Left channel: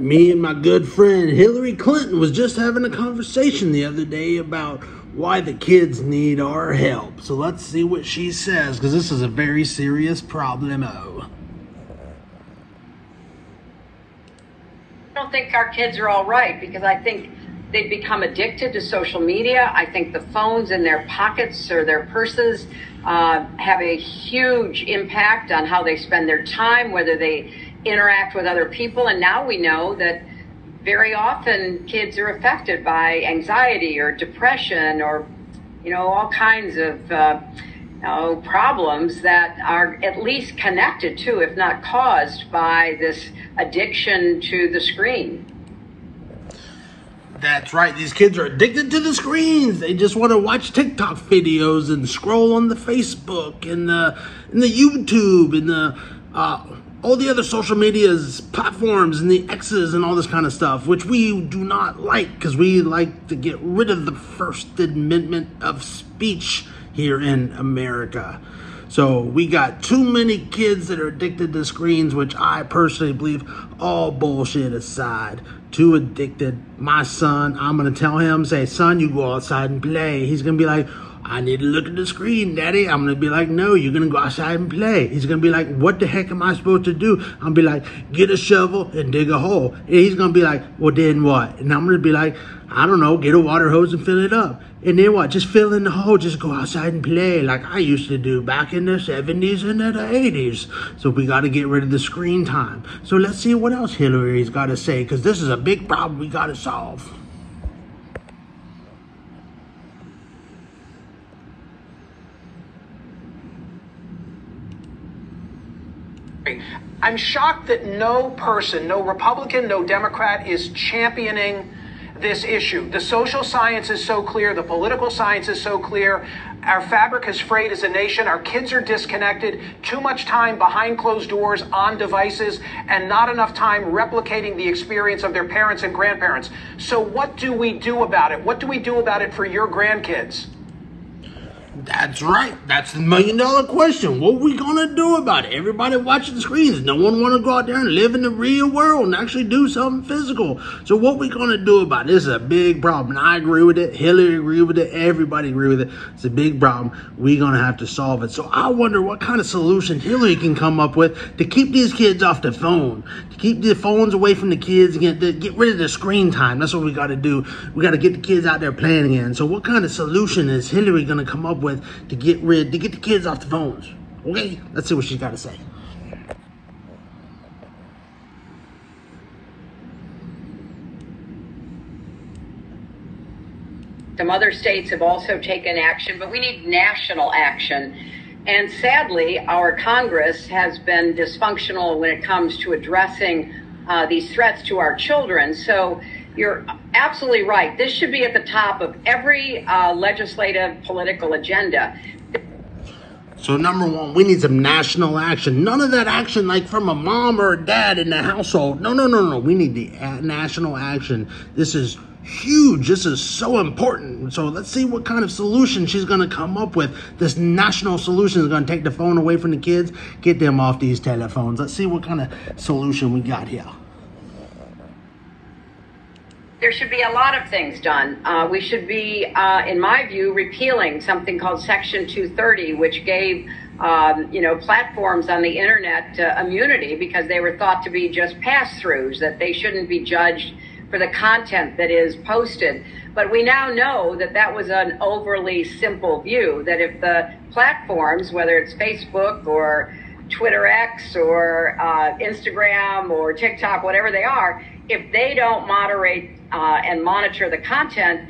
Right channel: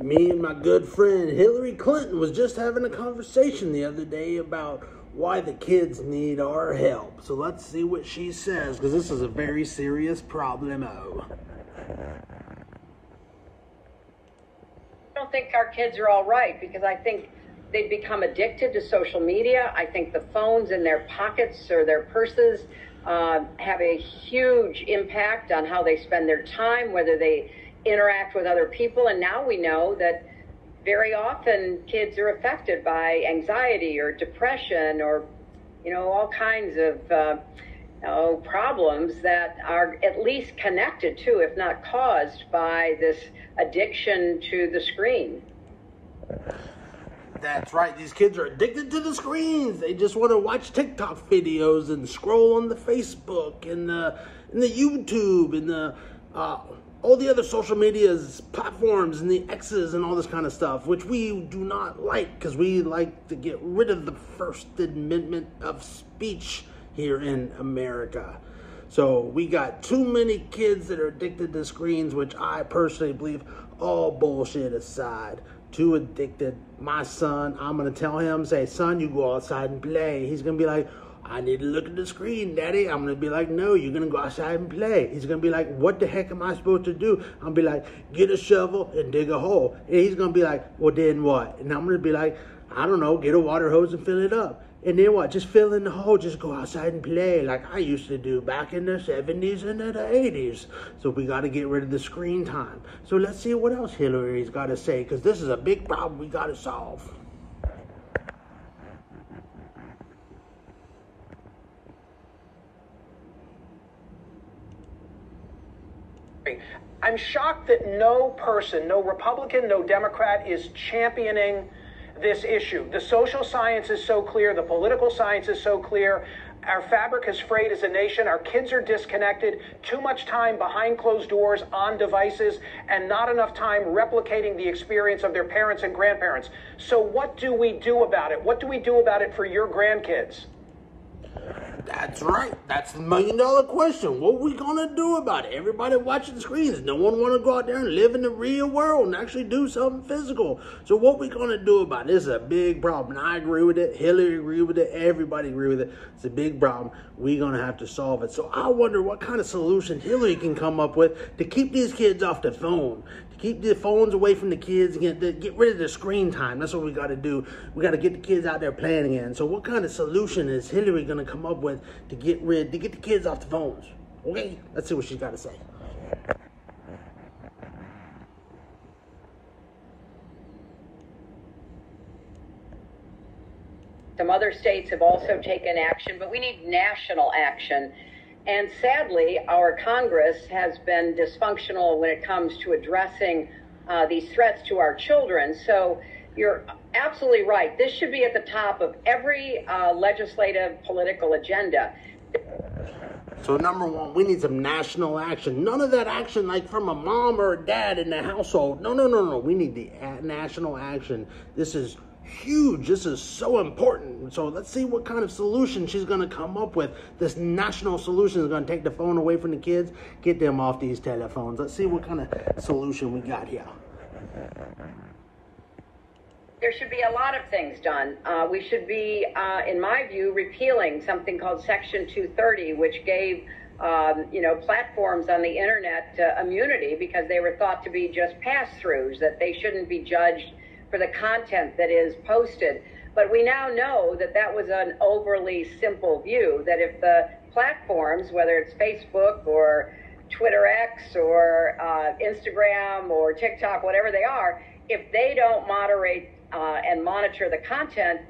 Me and my good friend Hillary Clinton was just having a conversation the other day about why the kids need our help. So let's see what she says, because this is a very serious problemo. I don't think our kids are all right, because I think they've become addicted to social media. I think the phones in their pockets or their purses have a huge impact on how they spend their time, whether they interact with other people. And now we know that very often kids are affected by anxiety or depression or, all kinds of problems that are at least connected to, if not caused by, this addiction to the screen. That's right. These kids are addicted to the screens. They just want to watch TikTok videos and scroll on the Facebook and the YouTube and the all the other social media's platforms and the X's and all this kind of stuff, which we do not like, because we like to get rid of the First Amendment of speech here in America. So we got too many kids that are addicted to screens, which I personally believe, all bullshit aside, too addicted. My son, I'm going to tell him, say, son, you go outside and play. He's going to be like, I need to look at the screen, Daddy. I'm going to be like, no, you're going to go outside and play. He's going to be like, what the heck am I supposed to do? I'm going to be like, get a shovel and dig a hole. And he's going to be like, well, then what? And I'm going to be like, I don't know, get a water hose and fill it up. And then what? Just fill in the hole. Just go outside and play like I used to do back in the 70s and the 80s. So we got to get rid of the screen time. So let's see what else Hillary's got to say, because this is a big problem we got to solve. I'm shocked that no person, no Republican, no Democrat is championing this issue. The social science is so clear. The political science is so clear. Our fabric is frayed as a nation. Our kids are disconnected. Too much time behind closed doors on devices and not enough time replicating the experience of their parents and grandparents. So what do we do about it? What do we do about it for your grandkids? That's right. That's the $1,000,000 question. What are we going to do about it? Everybody watching the screens. No one want to go out there and live in the real world and actually do something physical. So what we going to do about it? This is a big problem. I agree with it. Hillary agree with it. Everybody agree with it. It's a big problem. We're going to have to solve it. So I wonder what kind of solution Hillary can come up with to keep these kids off the phone, to keep the phones away from the kids, and get rid of the screen time. That's what we got to do. We got to get the kids out there playing again. So what kind of solution is Hillary going to come up with to get the kids off the phones? Okay, let's see what she's got to say. Some other states have also taken action, but we need national action. And sadly, our Congress has been dysfunctional when it comes to addressing these threats to our children. So you're absolutely right. This should be at the top of every legislative political agenda. So number one, we need some national action. None of that action like from a mom or a dad in the household. No. We need the national action. This is huge. This is so important. So let's see what kind of solution she's going to come up with. This national solution is going to take the phone away from the kids, get them off these telephones. Let's see what kind of solution we got here. There should be a lot of things done. We should be, in my view, repealing something called Section 230, which gave, platforms on the internet immunity because they were thought to be just pass-throughs, that they shouldn't be judged for the content that is posted. But we now know that that was an overly simple view, that if the platforms, whether it's Facebook or Twitter X or Instagram or TikTok, whatever they are, if they don't moderate and monitor the content,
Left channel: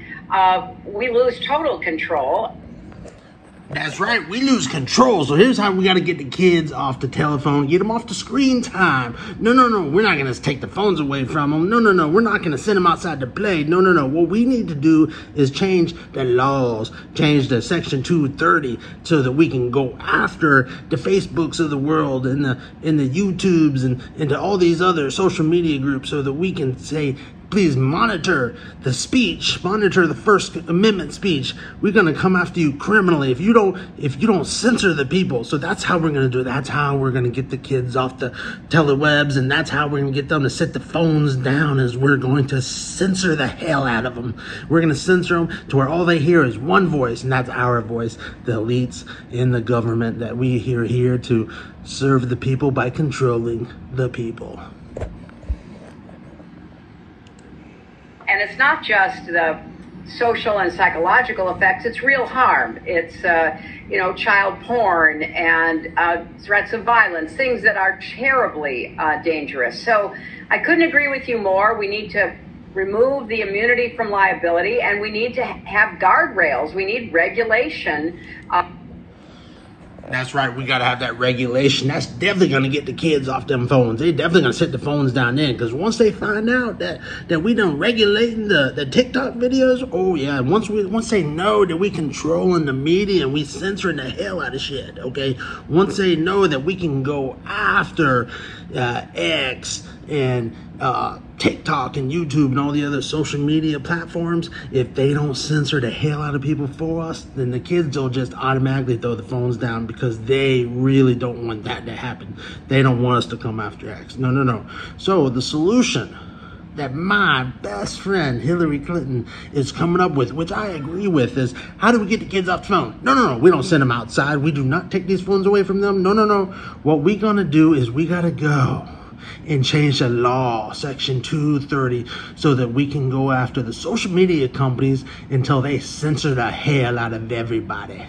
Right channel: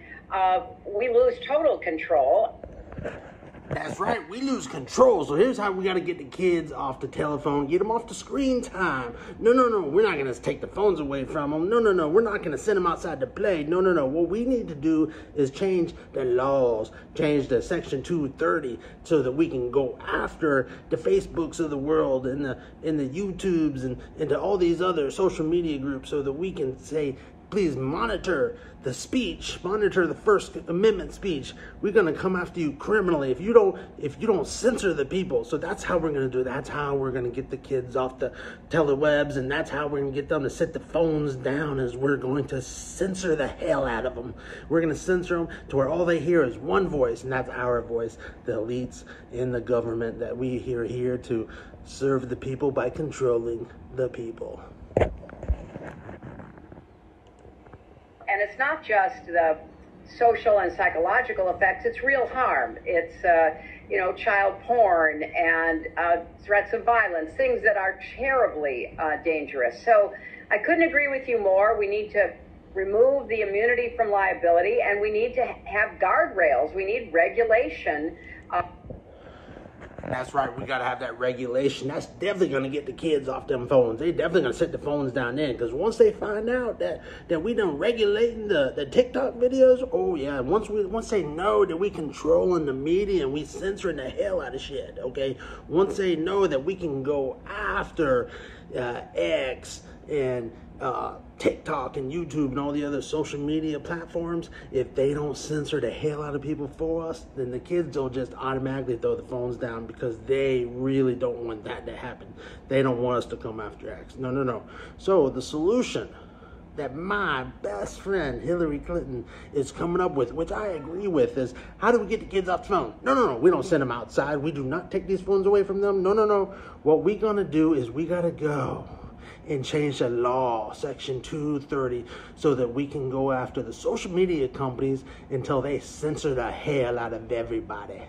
we lose total control. That's right, we lose control. So here's how we got to get the kids off the telephone, get them off the screen time. No, we're not going to take the phones away from them. No, we're not going to send them outside to play. No. What we need to do is change the laws, change the Section 230 so that we can go after the Facebooks of the world and the YouTubes and to all these other social media groups so that we can say, please monitor the speech, monitor the First Amendment speech. We're gonna come after you criminally if you don't censor the people. So that's how we're gonna do it. That's how we're gonna get the kids off the telewebs, and that's how we're gonna get them to set the phones down, is we're going to censor the hell out of them. We're gonna censor them to where all they hear is one voice, and that's our voice, the elites in the government that we are here to serve the people by controlling the people. And it's not just the social and psychological effects, it's real harm. It's, child porn and threats of violence, things that are terribly dangerous. So I couldn't agree with you more. We need to remove the immunity from liability, and we need to have guardrails. We need regulation. That's right, we gotta have that regulation. That's definitely gonna get the kids off them phones. They definitely gonna set the phones down then, because once they find out that we done regulating the TikTok videos, oh yeah, once they know that we controlling the media and we censoring the hell out of shit, okay? Once they know that we can go after X and TikTok and YouTube and all the other social media platforms, if they don't censor the hell out of people for us, then the kids will just automatically throw the phones down, because they really don't want that to happen. They don't want us to come after X. No. So the solution that my best friend Hillary Clinton is coming up with, which I agree with, is how do we get the kids off the phone? No. We don't send them outside. We do not take these phones away from them. No. What we gonna do is we gotta go and change the law, section 230, so that we can go after the social media companies until they censor the hell out of everybody.